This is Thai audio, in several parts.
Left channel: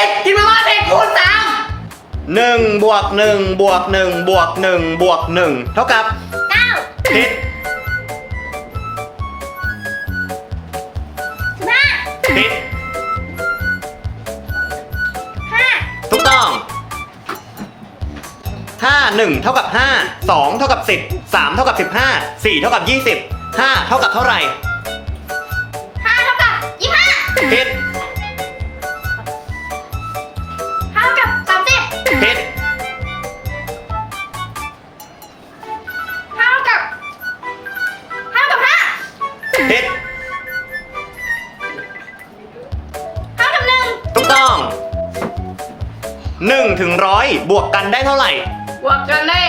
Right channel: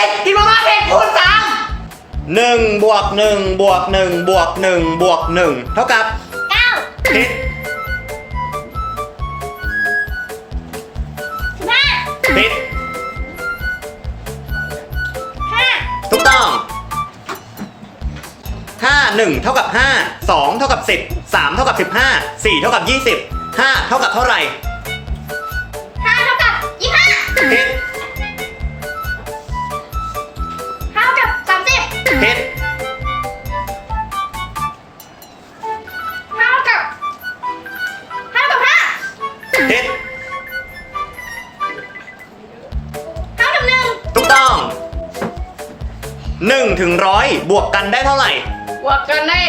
ผ็ดกินมาม่าเผ็ดคูณสามหนึ่งบวกหนึ่งบวกหนึ่งบวกหนึ่งบวกหนึ่งเท่ากับเก้าผิดสิบห้าผิดห้าถูกต้องห้าหนึ่งเท่ากับห้าสองเท่ากับสิบสามเท่ากับสิบห้าสี่เท่ากับยี่สิบห้าเท่ากับเท่าไหร่ห้าเท่ากับยี่ห้าผิด ผิดห้าเท่ากับหนึ่งถูกต้องหนึ่งถึงร้อยบวกกันได้เท่าไหร่ บวกกันได้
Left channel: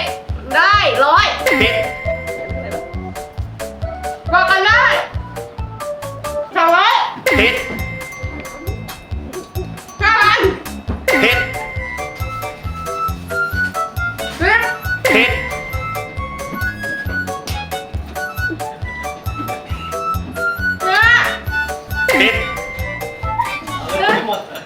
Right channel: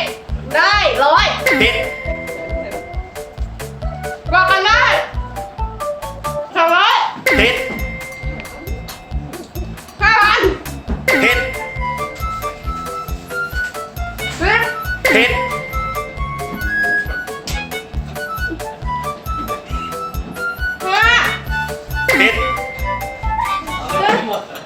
ได้ร้อยผิดบวกกันได้สองร้อยผิด 思った